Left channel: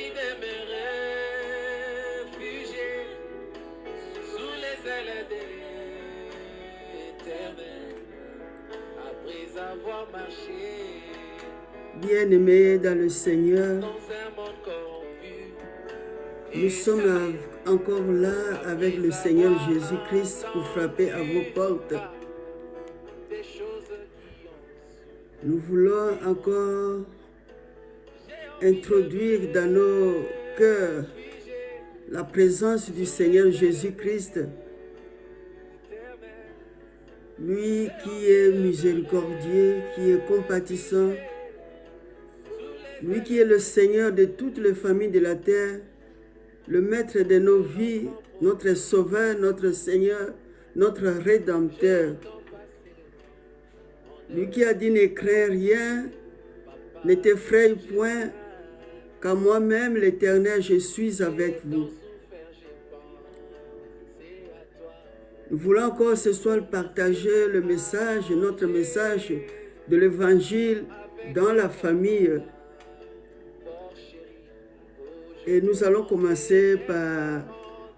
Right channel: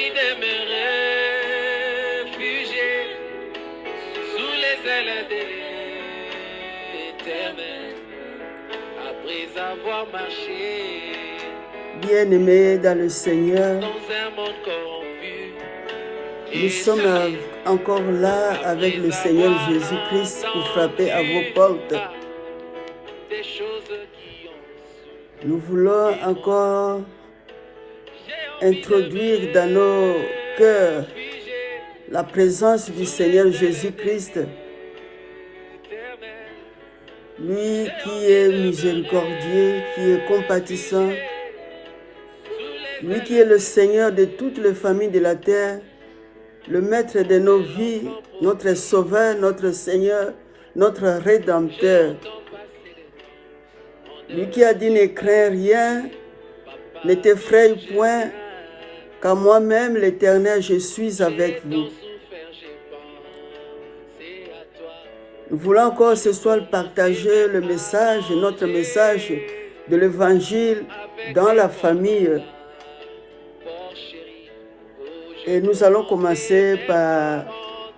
envie de me réfugier sous les ailes de l'Éternel, après avoir marché Bien-aimés dans le Seigneur, dans un monde corrompu. nous sommes encore là avec le Seigneur Jésus-Christ pour frapper à vos portes. Des choses qui ont Nous voulons encore introduire dans nos cœurs la présence du Seigneur Jésus-Christ, lui qui est miséricordieux, qui est compatissant, lui qui est le Seigneur de toutes les familles de la terre, le maître de nos vies, notre Sauveur, notre Seigneur, notre Rédempteur. Lui qui a dit ne crains rien, ne t'effraie point, car moi-même, l'Éternel, je suis avec vous. Nous voulons encore ce soir partager le message, notre message de l'Évangile dans la famille. Et nous allons commencer par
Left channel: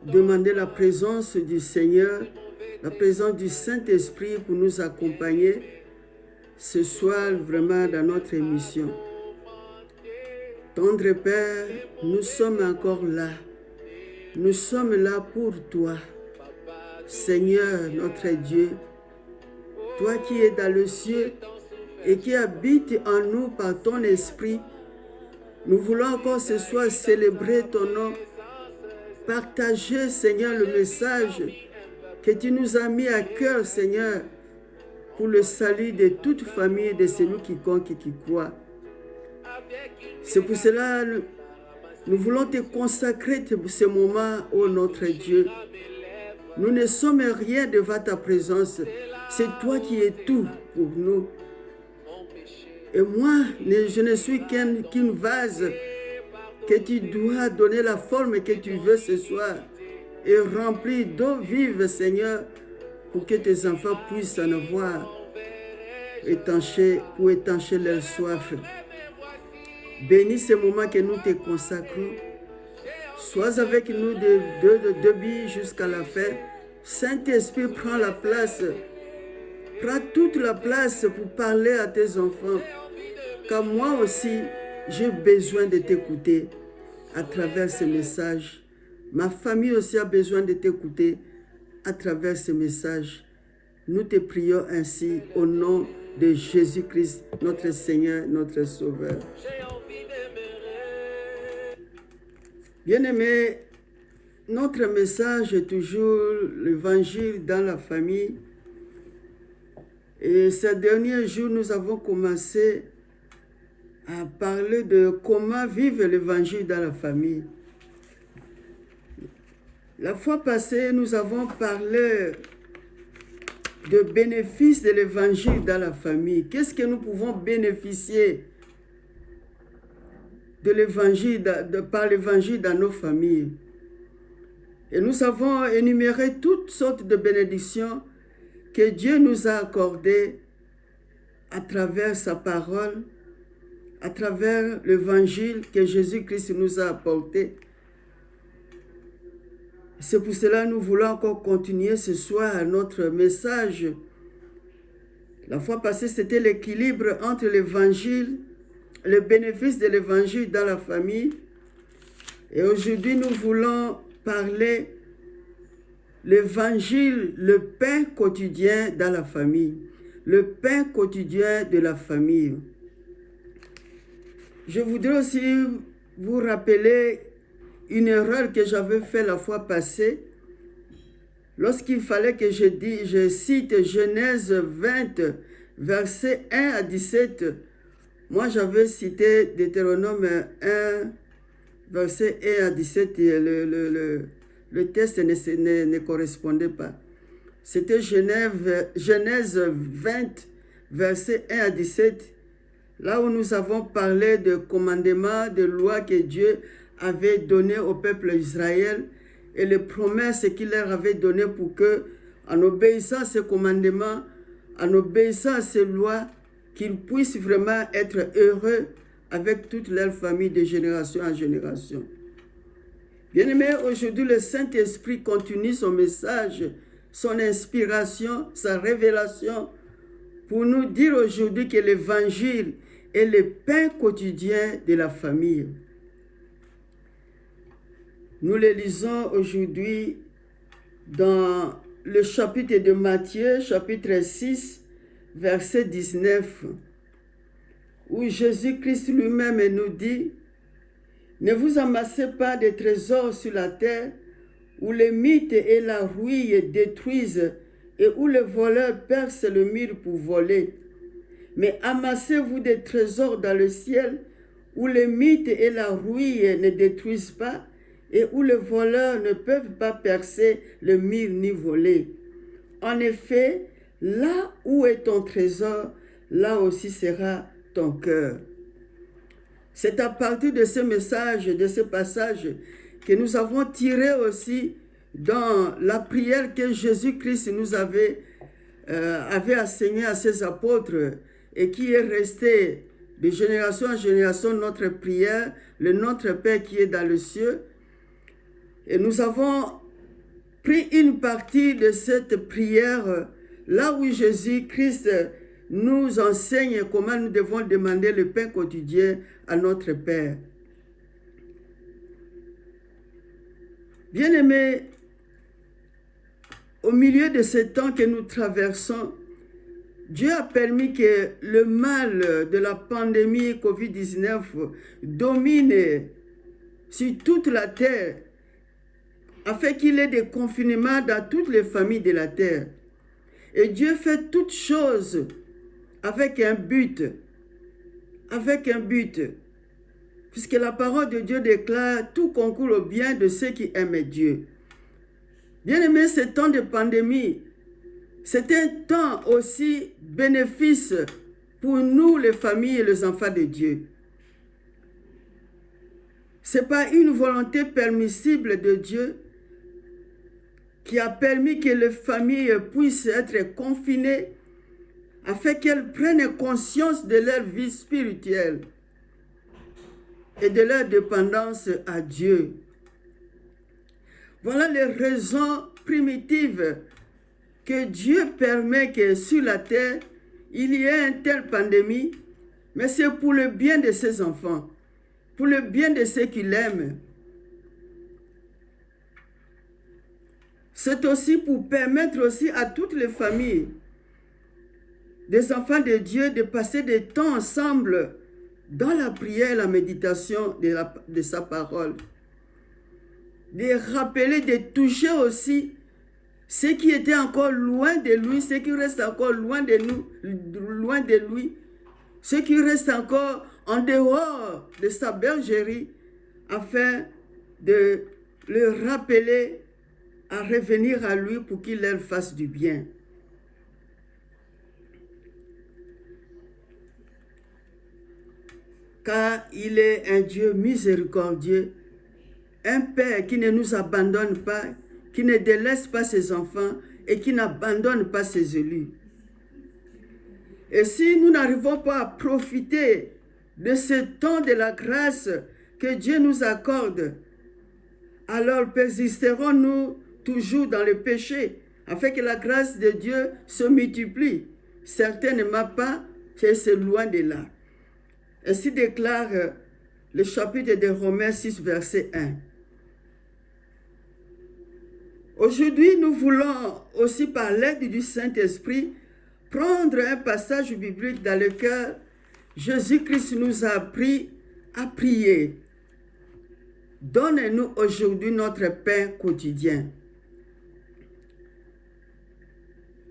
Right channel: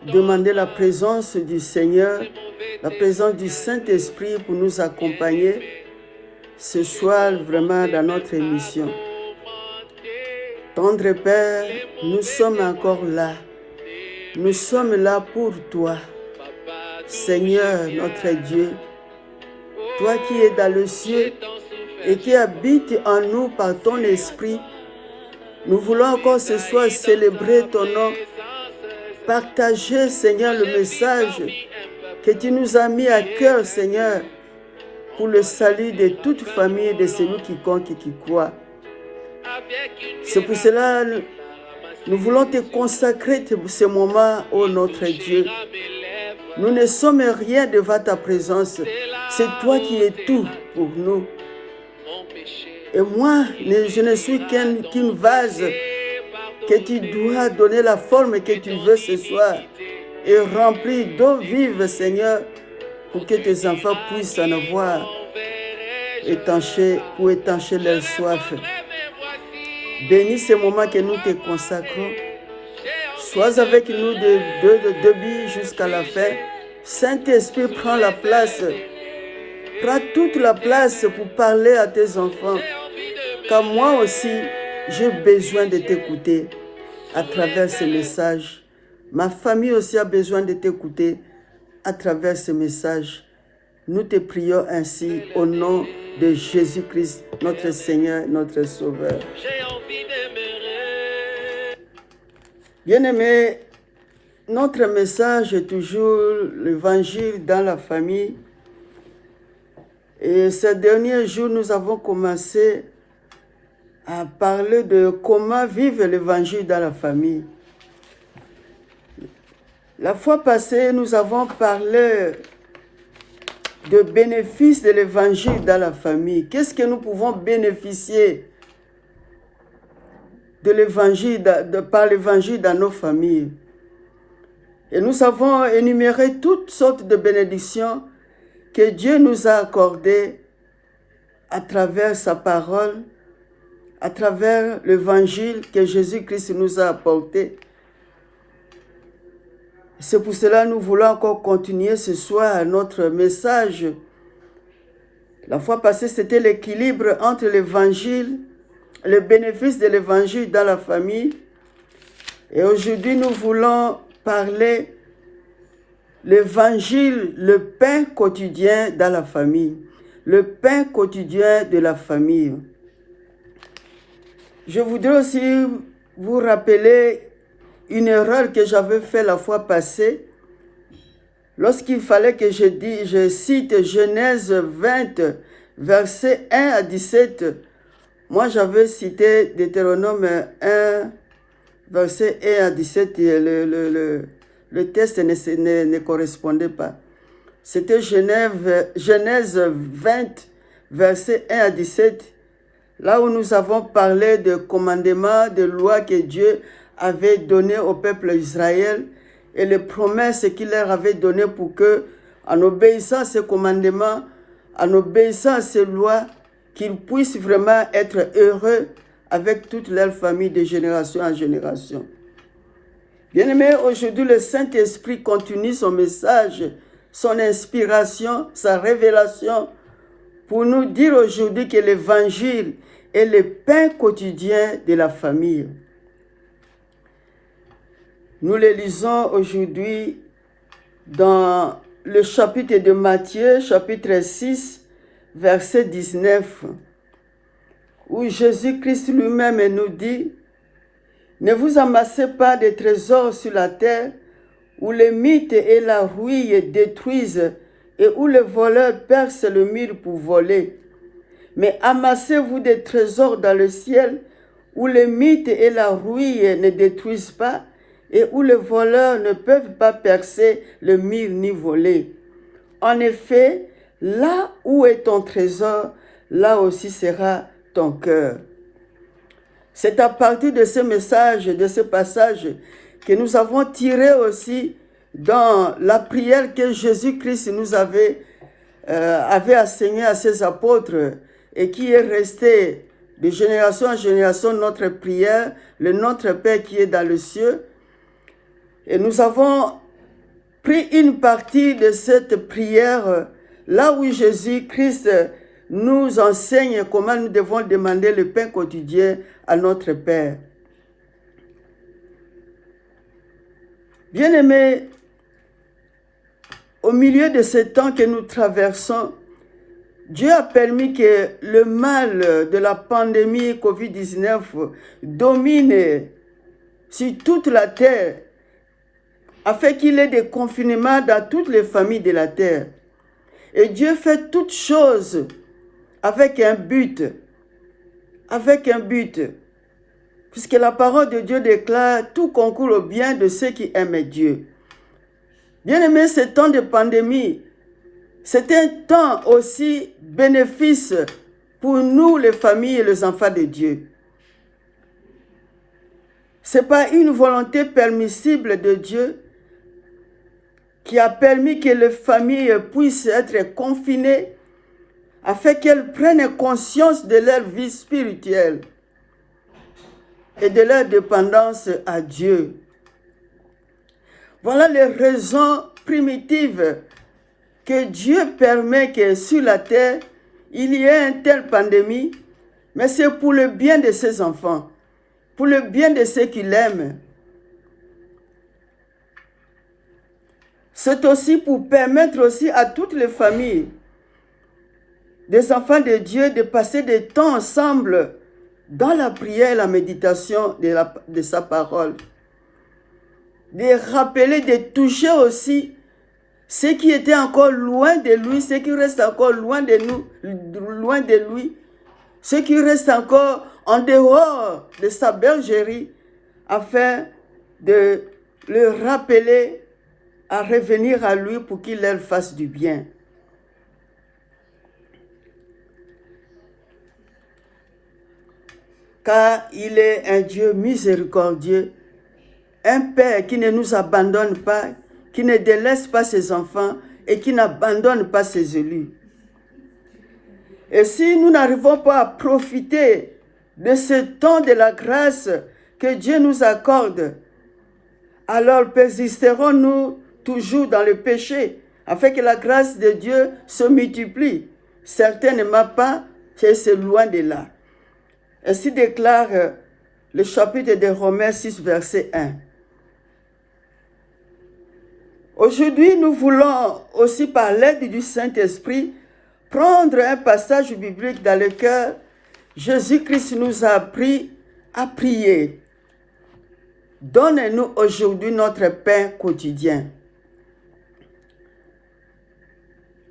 demander la présence du Seigneur, la présence du Saint-Esprit pour nous accompagner ce soir vraiment dans notre émission. Tendre Père, nous sommes encore là. Nous sommes là pour toi. Seigneur, notre Dieu, toi qui es dans le ciel et qui habites en nous par ton esprit, nous voulons encore ce soir célébrer ton nom, partager, Seigneur, le message que tu nous as mis à cœur, Seigneur, pour le salut de toute famille et de celui quiconque qui croit. C'est pour cela que nous voulons te consacrer ce moment, ô notre Dieu. Nous ne sommes rien devant ta présence. C'est toi qui es tout pour nous. Et moi, je ne suis qu'une vase que tu dois donner la forme que tu veux ce soir et remplir d'eau vive, Seigneur, pour que tes enfants puissent en avoir pour étancher leur soif. Bénis ce moment que nous te consacrons. Sois avec nous de début jusqu'à la fin. Saint-Esprit, prends la place. Prends toute la place pour parler à tes enfants. Car moi aussi, j'ai besoin de t'écouter à travers ce message. Ma famille aussi a besoin de t'écouter à travers ce message. Nous te prions ainsi au nom de Jésus-Christ, notre Seigneur, notre Sauveur. Bien-aimés, notre message est toujours l'évangile dans la famille. Et ces derniers jours, nous avons commencé à parler de comment vivre l'évangile dans la famille. La fois passée, nous avons parlé de bénéfices de l'évangile dans la famille. Qu'est-ce que nous pouvons bénéficier de l'évangile, par l'évangile dans nos familles? Et nous avons énuméré toutes sortes de bénédictions que Dieu nous a accordées à travers sa parole, à travers l'évangile que Jésus-Christ nous a apporté. C'est pour cela que nous voulons encore continuer ce soir notre message. La fois passée, c'était l'équilibre entre l'évangile, le bénéfice de l'évangile dans la famille. Et aujourd'hui, nous voulons parler l'évangile, le pain quotidien dans la famille. Le pain quotidien de la famille. Je voudrais aussi vous rappeler une erreur que j'avais faite la fois passée. Lorsqu'il fallait que je cite Genèse 20, versets 1 à 17, moi j'avais cité Deutéronome 1, versets 1 à 17, et le texte ne correspondait pas. C'était Genèse 20, versets 1 à 17, là où nous avons parlé de commandements, de lois que Dieu avait données au peuple d'Israël et les promesses qu'il leur avait données pour que, en obéissant à ces commandements, en obéissant à ces lois, qu'ils puissent vraiment être heureux avec toute leur famille de génération en génération. Bien-aimés, aujourd'hui, le Saint-Esprit continue son message, son inspiration, sa révélation pour nous dire aujourd'hui que l'Évangile est le pain quotidien de la famille. Nous le lisons aujourd'hui dans le chapitre de Matthieu, chapitre 6, verset 19, où Jésus-Christ lui-même nous dit « Ne vous amassez pas de trésors sur la terre, où les mythes et la rouille détruisent et où les voleurs percent le mur pour voler. Mais amassez-vous des trésors dans le ciel, où les mythes et la rouille ne détruisent pas, et où les voleurs ne peuvent pas percer le mur ni voler. En effet, là où est ton trésor, là aussi sera ton cœur. » C'est à partir de ce message, de ce passage, que nous avons tiré aussi dans la prière que Jésus-Christ nous avait enseigné à ses apôtres et qui est restée de génération en génération notre prière, le Notre Père qui est dans le ciel. Et nous avons pris une partie de cette prière là où Jésus-Christ nous enseigne comment nous devons demander le pain quotidien à notre Père. Bien-aimés, au milieu de ce temps que nous traversons, Dieu a permis que le mal de la pandémie COVID-19 domine sur toute la terre, afin qu'il y ait des confinements dans toutes les familles de la terre. Et Dieu fait toutes choses avec un but, puisque la parole de Dieu déclare « Tout concourt au bien de ceux qui aiment Dieu ». Bien-aimés, ce temps de pandémie, c'est un temps aussi bénéfice pour nous, les familles et les enfants de Dieu. Ce n'est pas une volonté permissible de Dieu qui a permis que les familles puissent être confinées afin qu'elles prennent conscience de leur vie spirituelle et de leur dépendance à Dieu. Voilà les raisons primitives que Dieu permet que sur la terre, il y ait une telle pandémie, mais c'est pour le bien de ses enfants, pour le bien de ceux qui l'aiment. C'est aussi pour permettre aussi à toutes les familles des enfants de Dieu de passer des temps ensemble dans la prière et la méditation de sa parole. De rappeler, de toucher aussi ceux qui étaient encore loin de lui, ceux qui restent encore loin de nous, loin de lui, ceux qui restent encore en dehors de sa bergerie, afin de le rappeler à revenir à lui pour qu'il leur fasse du bien. Car il est un Dieu miséricordieux, un Père qui ne nous abandonne pas, qui ne délaisse pas ses enfants et qui n'abandonne pas ses élus. Et si nous n'arrivons pas à profiter de ce temps de la grâce que Dieu nous accorde, alors persisterons-nous toujours dans le péché, afin que la grâce de Dieu se multiplie. Certainement pas, c'est loin de là. Ainsi déclare le chapitre de Romains 6, verset 1. Aujourd'hui, nous voulons aussi, par l'aide du Saint-Esprit, prendre un passage biblique dans lequel Jésus-Christ nous a appris à prier. Donne-nous aujourd'hui notre pain quotidien.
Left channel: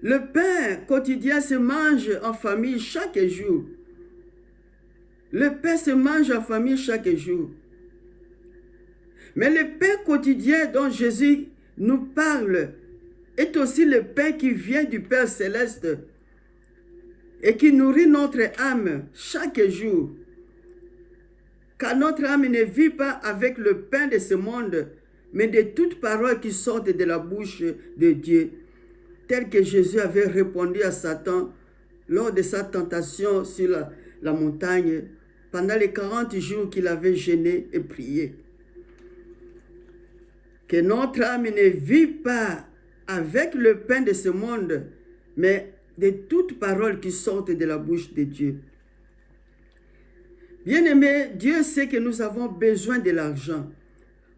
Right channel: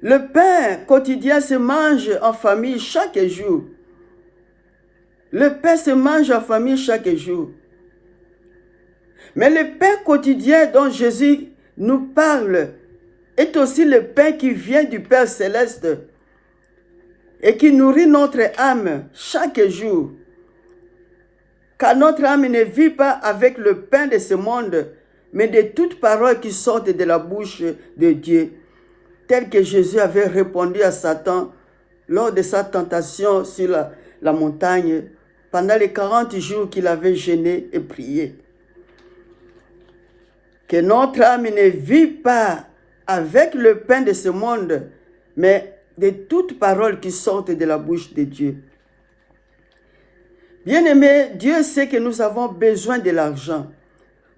Le pain quotidien se mange en famille chaque jour. Le pain se mange en famille chaque jour. Mais le pain quotidien dont Jésus nous parle est aussi le pain qui vient du Père Céleste et qui nourrit notre âme chaque jour. Car notre âme ne vit pas avec le pain de ce monde, mais de toutes paroles qui sortent de la bouche de Dieu, tel que Jésus avait répondu à Satan lors de sa tentation sur la montagne, pendant les 40 jours qu'il avait jeûné et prié. Que notre âme ne vit pas avec le pain de ce monde, mais de toutes paroles qui sortent de la bouche de Dieu. Bien-aimés, Dieu sait que nous avons besoin de l'argent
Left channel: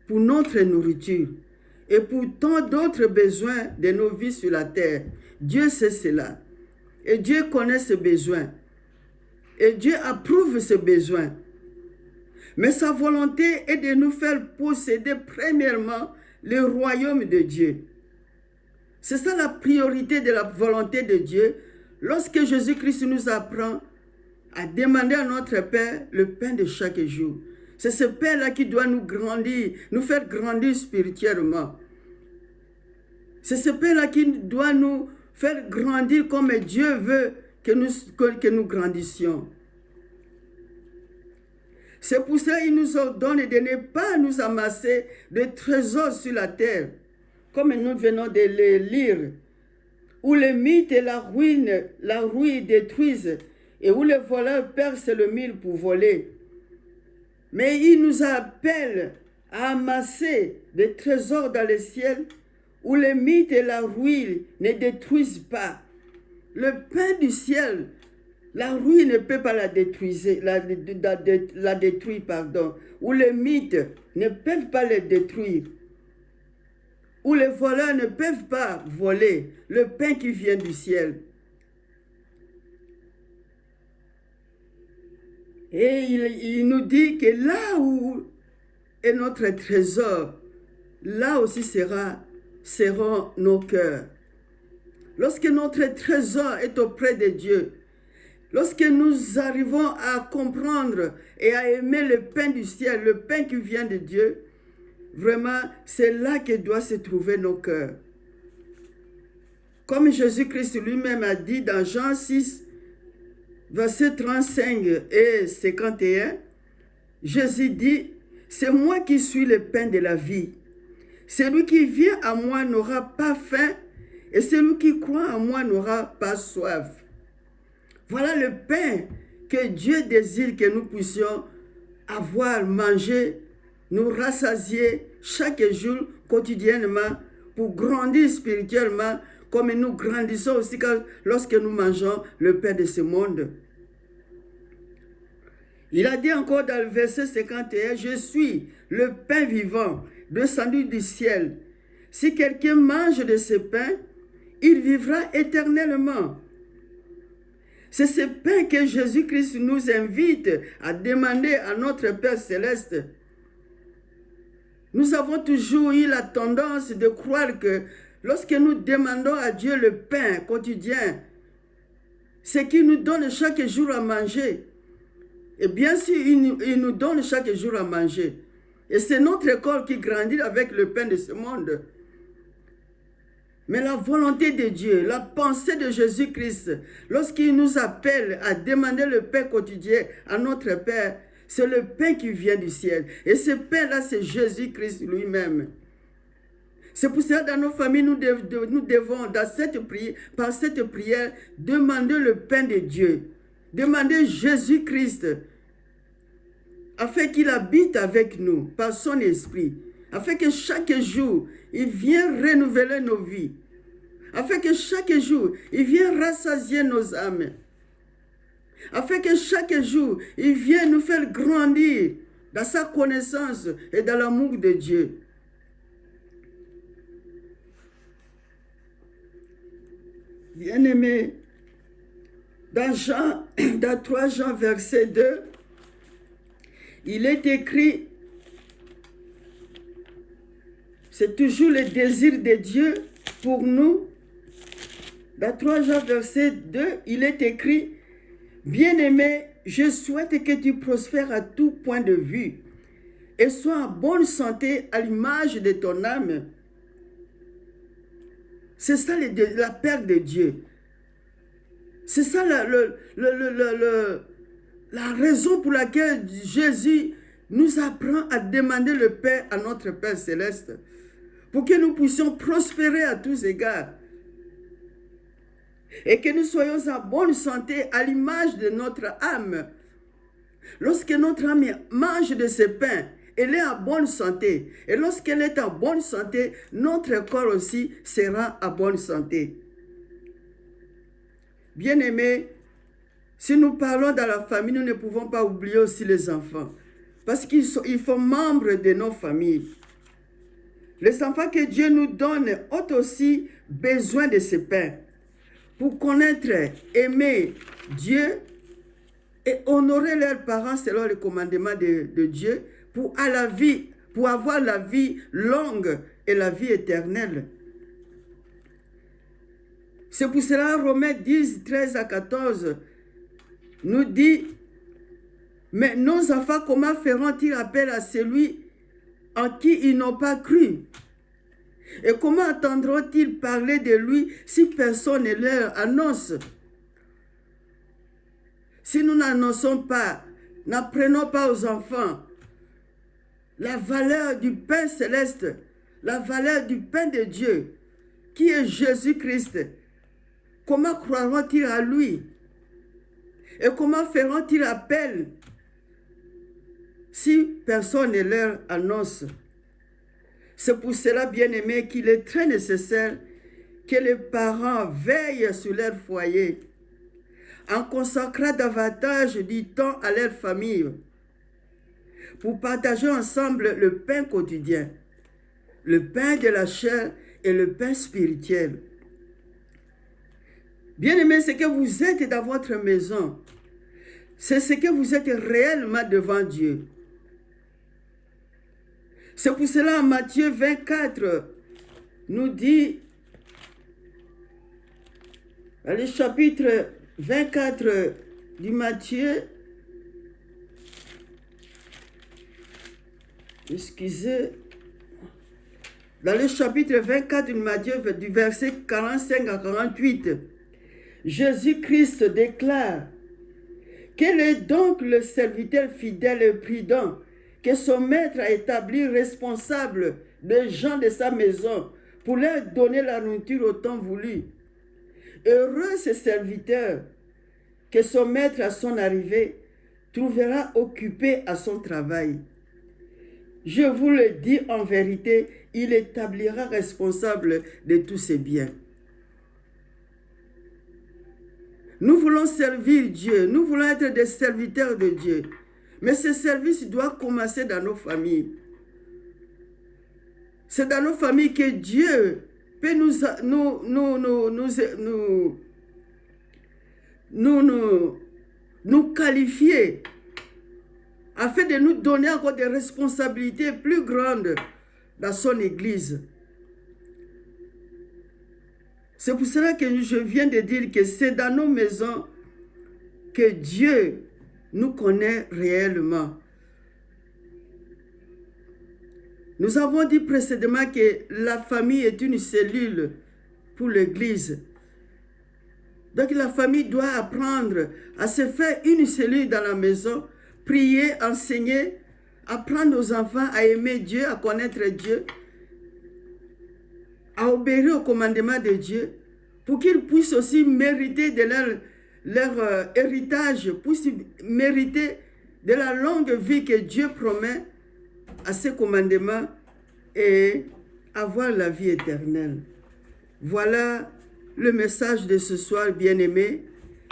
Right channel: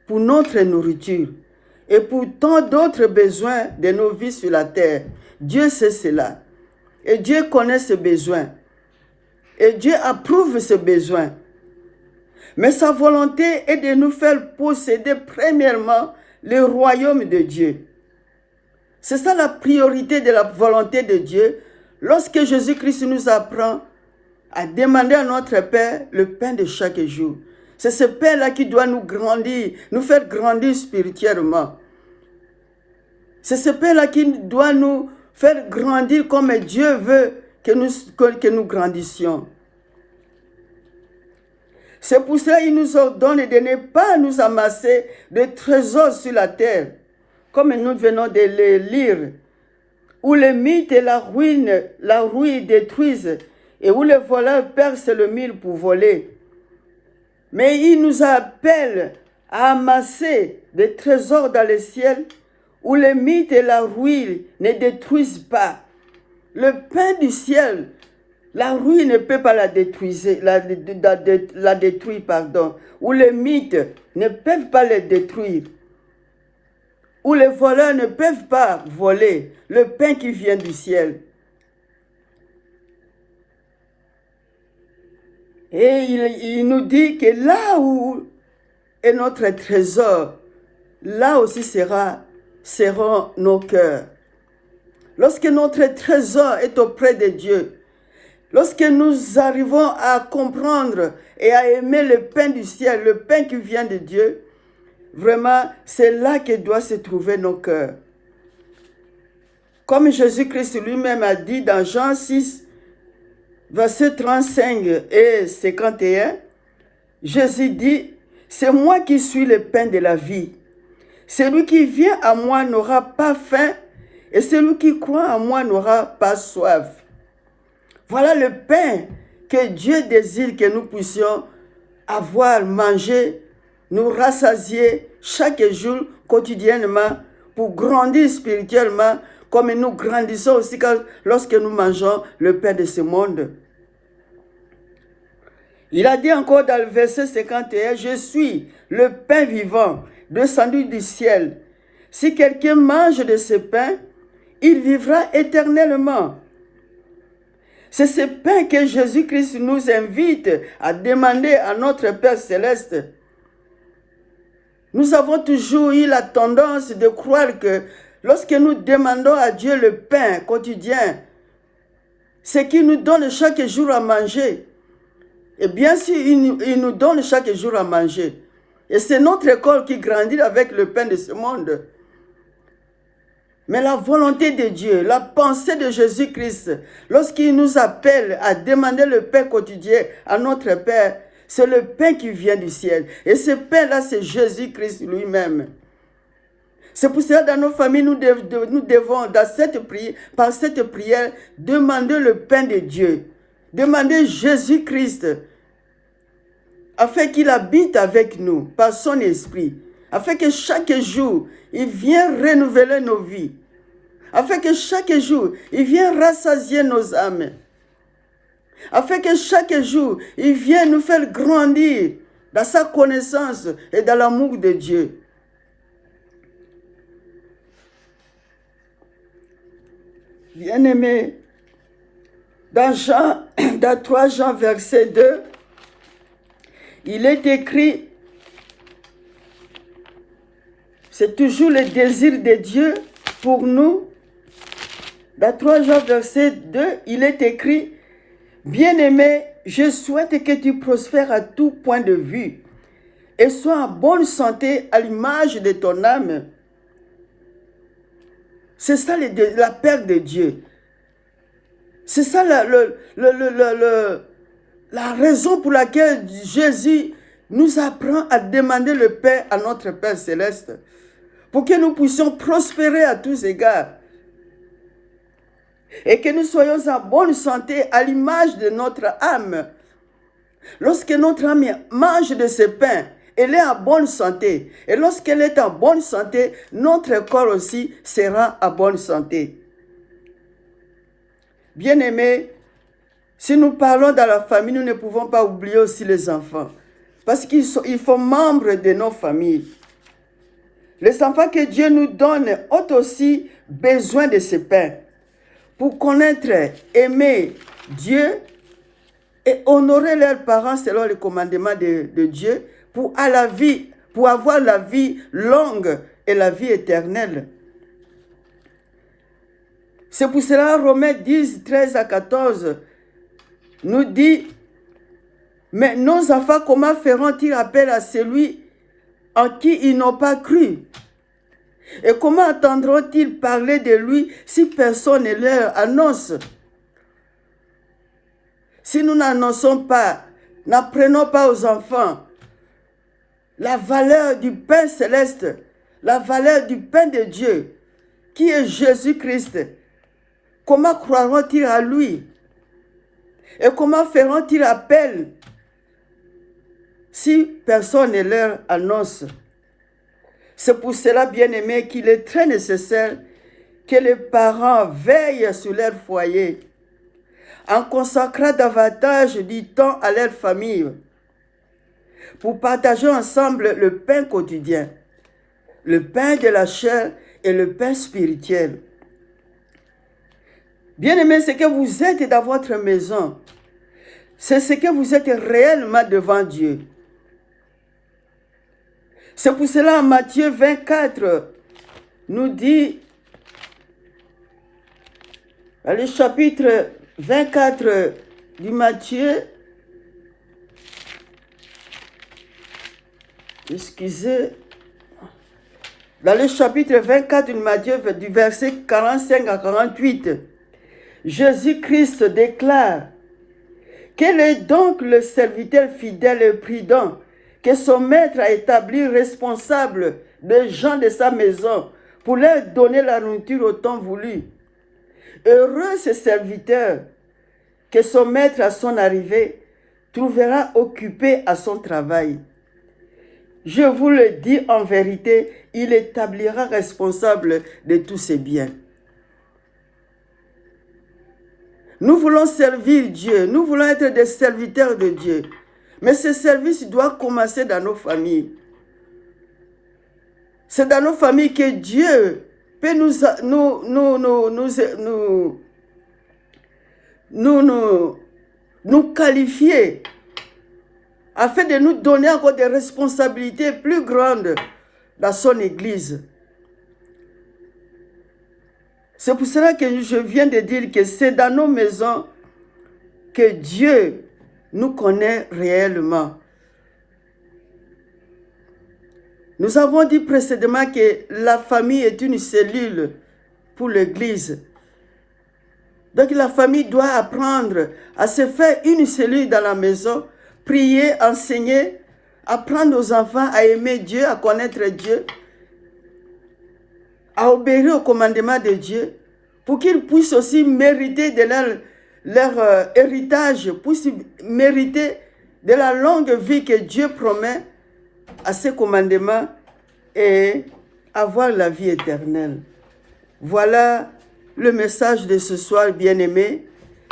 pour notre nourriture et pour tant d'autres besoins de nos vies sur la terre. Dieu sait cela. Et Dieu connaît ce besoin. Et Dieu approuve ce besoin. Mais sa volonté est de nous faire posséder premièrement le royaume de Dieu. C'est ça la priorité de la volonté de Dieu lorsque Jésus-Christ nous apprend à demander à notre Père le pain de chaque jour. C'est ce pain-là qui doit nous grandir, nous faire grandir spirituellement. C'est ce pain-là qui doit nous faire grandir comme Dieu veut que nous grandissions. C'est pour ça qu'il nous ordonne de ne pas nous amasser de trésors sur la terre, comme nous venons de le lire, où le mythe et la rouille détruisent, et où les voleurs percent le mille pour voler. Mais il nous appelle à amasser des trésors dans le ciel, où le mythe et la rouille ne détruisent pas. Le pain du ciel, la rouille ne peut pas la détruire, où les mythes ne peuvent pas les détruire, où les voleurs ne peuvent pas voler le pain qui vient du ciel. Et il nous dit que là où est notre trésor, là aussi seront nos cœurs. Lorsque notre trésor est auprès de Dieu, lorsque nous arrivons à comprendre et à aimer le pain du ciel, le pain qui vient de Dieu, vraiment, c'est là que doivent se trouver nos cœurs. Comme Jésus-Christ lui-même a dit dans Jean 6, versets 35 et 51, Jésus dit, « C'est moi qui suis le pain de la vie. Celui qui vient à moi n'aura pas faim, et celui qui croit en moi n'aura pas soif. » Voilà le pain que Dieu désire que nous puissions avoir, manger, nous rassasier chaque jour, quotidiennement, pour grandir spirituellement, comme nous grandissons aussi lorsque nous mangeons le pain de ce monde. Il a dit encore dans le verset 51, « Je suis le pain vivant, descendu du ciel. Si quelqu'un mange de ce pain, il vivra éternellement. » C'est ce pain que Jésus-Christ nous invite à demander à notre Père céleste. Nous avons toujours eu la tendance de croire que lorsque nous demandons à Dieu le pain quotidien, c'est qu'il nous donne chaque jour à manger. Et bien sûr, il nous donne chaque jour à manger. Et c'est notre école qui grandit avec le pain de ce monde. Mais la volonté de Dieu, la pensée de Jésus-Christ, lorsqu'il nous appelle à demander le pain quotidien à notre Père, c'est le pain qui vient du ciel. Et ce pain-là, c'est Jésus-Christ lui-même. C'est pour cela, dans nos familles, nous devons, par cette prière, demander le pain de Dieu. Demander Jésus-Christ, afin qu'il habite avec nous, par son esprit. Afin que chaque jour, il vienne renouveler nos vies. Afin que chaque jour, il vienne rassasier nos âmes. Afin que chaque jour, il vienne nous faire grandir dans sa connaissance et dans l'amour de Dieu. Bien-aimés, dans 3 Jean verset 2, il est écrit, c'est toujours le désir de Dieu pour nous. Dans 3 Jean verset 2, il est écrit, « Bien-aimé, je souhaite que tu prospères à tout point de vue et sois en bonne santé à l'image de ton âme. » C'est ça la paix de Dieu. C'est ça la raison pour laquelle Jésus nous apprend à demander le pain à notre Père céleste, pour que nous puissions prospérer à tous égards et que nous soyons en bonne santé à l'image de notre âme. Lorsque notre âme mange de ce pain, elle est en bonne santé. Et lorsqu'elle est en bonne santé, notre corps aussi sera en bonne santé. Bien-aimés, si nous parlons dans la famille, nous ne pouvons pas oublier aussi les enfants. Parce qu'ils font membres de nos familles. Les enfants que Dieu nous donne ont aussi besoin de ce pain pour connaître, aimer Dieu et honorer leurs parents selon les commandements de Dieu pour avoir la vie longue et la vie éternelle. C'est pour cela Romains 10, 13 à 14 nous dit: mais nos enfants, comment feront-ils appel à celui en qui ils n'ont pas cru? Et comment entendront-ils parler de lui si personne ne leur annonce? Si nous n'annonçons pas, n'apprenons pas aux enfants la valeur du pain céleste, la valeur du pain de Dieu, qui est Jésus-Christ, comment croiront-ils à lui? Et comment feront-ils appel si personne ne leur annonce? C'est pour cela, bien-aimés, qu'il est très nécessaire que les parents veillent sur leur foyer, en consacrant davantage du temps à leur famille, pour partager ensemble le pain quotidien, le pain de la chair et le pain spirituel. Bien-aimés, ce que vous êtes dans votre maison, c'est ce que vous êtes réellement devant Dieu. C'est pour cela, Matthieu 24 nous dit, dans le chapitre 24 du Matthieu, dans le chapitre 24 du Matthieu, du verset 45 à 48, Jésus-Christ déclare: quel est donc le serviteur fidèle et prudent que son maître a établi responsable des gens de sa maison pour leur donner la nourriture au temps voulu? Heureux ce serviteur que son maître à son arrivée trouvera occupé à son travail. Je vous le dis en vérité, il établira responsable de tous ses biens. Nous voulons servir Dieu, nous voulons être des serviteurs de Dieu. Mais ce service doit commencer dans nos familles. C'est dans nos familles que Dieu peut nous qualifier afin de nous donner encore des responsabilités plus grandes dans son Église. C'est pour cela que je viens de dire que c'est dans nos maisons que Dieu nous connaît réellement. Nous avons dit précédemment que la famille est une cellule pour l'Église. Donc la famille doit apprendre à se faire une cellule dans la maison, prier, enseigner, apprendre aux enfants à aimer Dieu, à connaître Dieu, à obéir au commandement de Dieu, pour qu'ils puissent aussi mériter de leur héritage, puissent mériter de la longue vie que Dieu promet à ses commandements et avoir la vie éternelle. Voilà le message de ce soir, bien-aimés,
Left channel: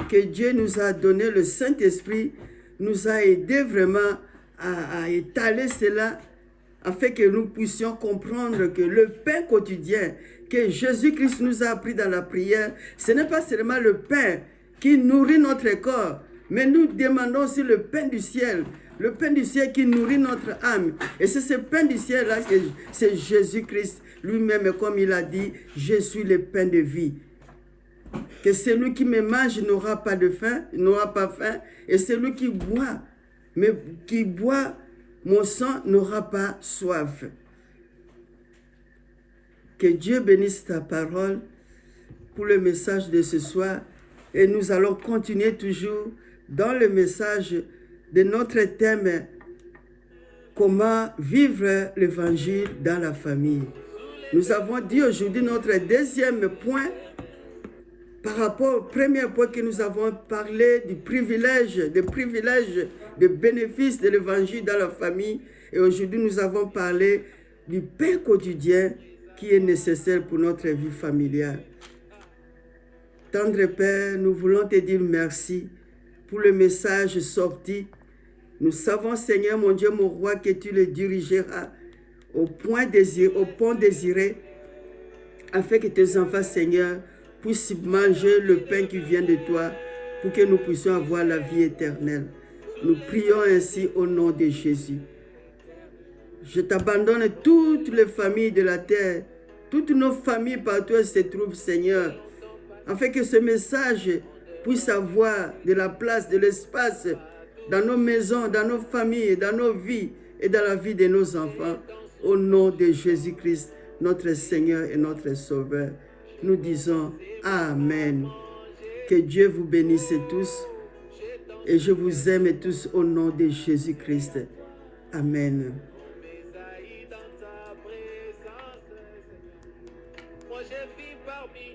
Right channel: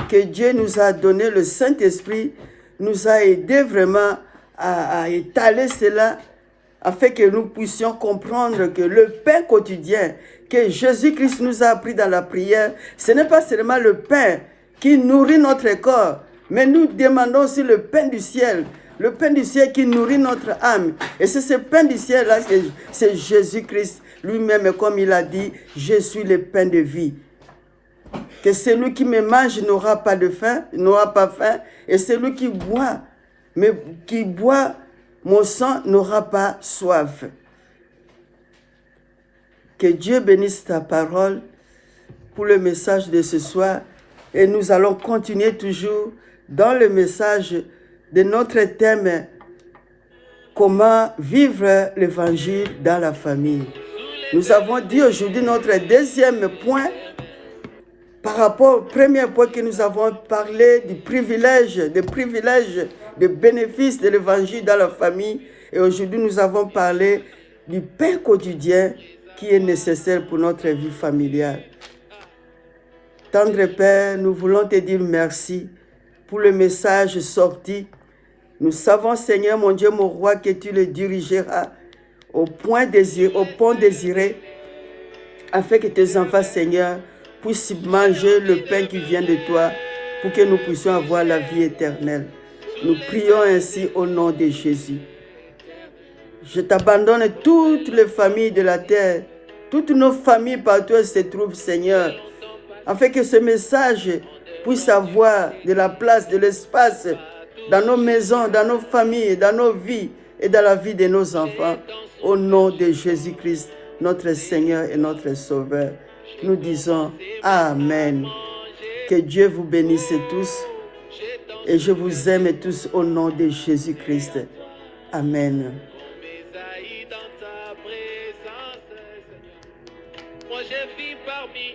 que Dieu nous a donné, le Saint-Esprit nous a aidé vraiment à étaler cela, afin que nous puissions comprendre que le pain quotidien que Jésus-Christ nous a appris dans la prière, ce n'est pas seulement le pain qui nourrit notre corps, mais nous demandons aussi le pain du ciel qui nourrit notre âme. Et c'est ce pain du ciel-là, c'est Jésus-Christ lui-même, comme il a dit, je suis le pain de vie. Que celui qui me mange n'aura pas de faim, n'aura pas faim, et celui qui boit mon sang n'aura pas soif. Que Dieu bénisse ta parole pour le message de ce soir. Et nous allons continuer toujours dans le message de notre thème, comment vivre l'évangile dans la famille. Nous avons dit aujourd'hui notre deuxième point, par rapport au premier point que nous avons parlé des privilèges des bénéfices de l'évangile dans la famille. Et aujourd'hui, nous avons parlé du pain quotidien qui est nécessaire pour notre vie familiale. Tendre Père, nous voulons te dire merci pour le message sorti. Nous savons, Seigneur, mon Dieu, mon roi, que tu le dirigeras au pont désiré, afin que tes enfants, Seigneur, puissent manger le pain qui vient de toi, pour que nous puissions avoir la vie éternelle. Nous prions ainsi au nom de Jésus. Je t'abandonne toutes les familles de la terre, toutes nos familles partout où elles se trouvent, Seigneur, afin que ce message puisse avoir de la place, de l'espace dans nos maisons, dans nos familles, dans nos vies et dans la vie de nos enfants. Au nom de Jésus-Christ, notre Seigneur et notre Sauveur, nous disons Amen. Que Dieu vous bénisse tous et je vous aime tous au nom de Jésus-Christ. Amen. Moi j'ai vu parmi